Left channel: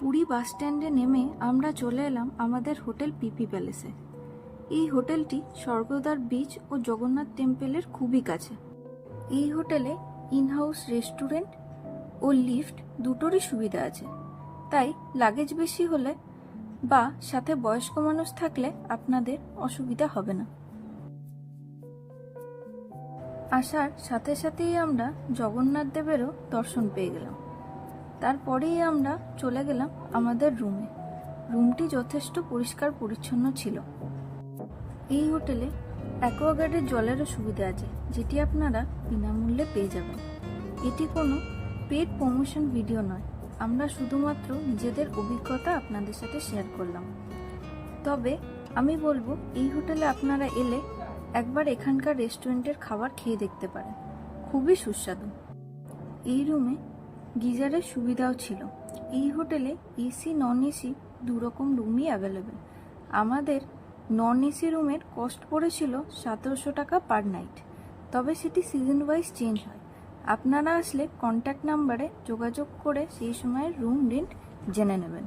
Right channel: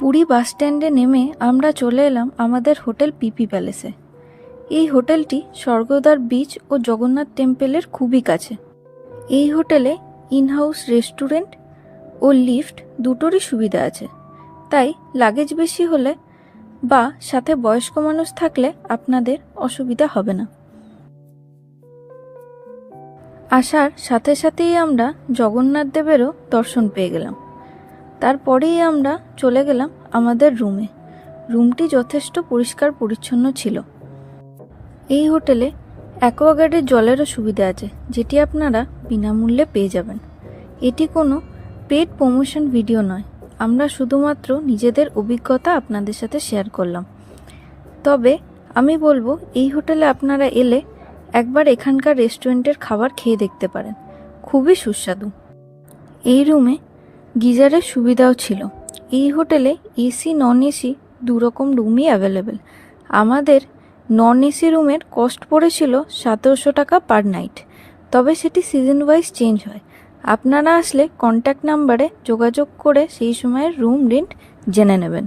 পুরী বাস স্ট্যান্ডে নেমে আমরা চলে এলাম আমাদের হোটেল পিপি প্যালেসে। এই হোটেলটি স্বর্গদ্বার বিচ ও জগন্নাথ টেম্পলের খুবই কাছে। এই হোটেলে ইনহাউস রেস্টুরেন্ট ও লিফট দুটোরই সুবিধা আছে, তাই লাগেজ বেশি হলে বা সাথে বয়স্ক মানুষ থাকলে আপনাদের অসুবিধা হবে না। আসার সাথে সাথেই আমরা জগন্নাথ দেবেরও দর্শন পেয়ে গেলাম। তারপরেই আমরা চলে গেলাম আমাদের রুমে। রুমটি যথেষ্ট পরিষ্কার পরিচ্ছন্ন ছিল। এই হোটেলে অ্যাকোয়াগার্ডের জলেরও সুবিধা আছে, যেটি আপনারা বিনামূল্যে পেয়ে যাবেন। এটি কোনো পেড প্রমোশন ভিডিও নয়, আমরা শুধুমাত্র নিজেদের অভিজ্ঞতা আপনাদের সাথে শেয়ার করলাম। তবে আমি বলবো এই হোটেলে আপনারা এলে একবার এখানকার রেস্টুরেন্টের খাবার খেয়ে দেখতে পারেন, খুবই সুস্বাদু। এই রুমে গিজারের সুবিধাও ছিল। এই হোটেলে এসি নন এসি দুরকম রুমই অ্যাভেলেবেল। আমাদের নন এসি রুমের কস্ট পড়েছিল 1700 টাকা পার নাইট, তবে সেটি সিজন ওয়াইজ চেঞ্জ হয়। আপনারা আসলে কন্ট্যাক্ট নাম্বারে যোগাযোগ করে সেই সময়ের রুম রেন্ট জেনে নেবেন।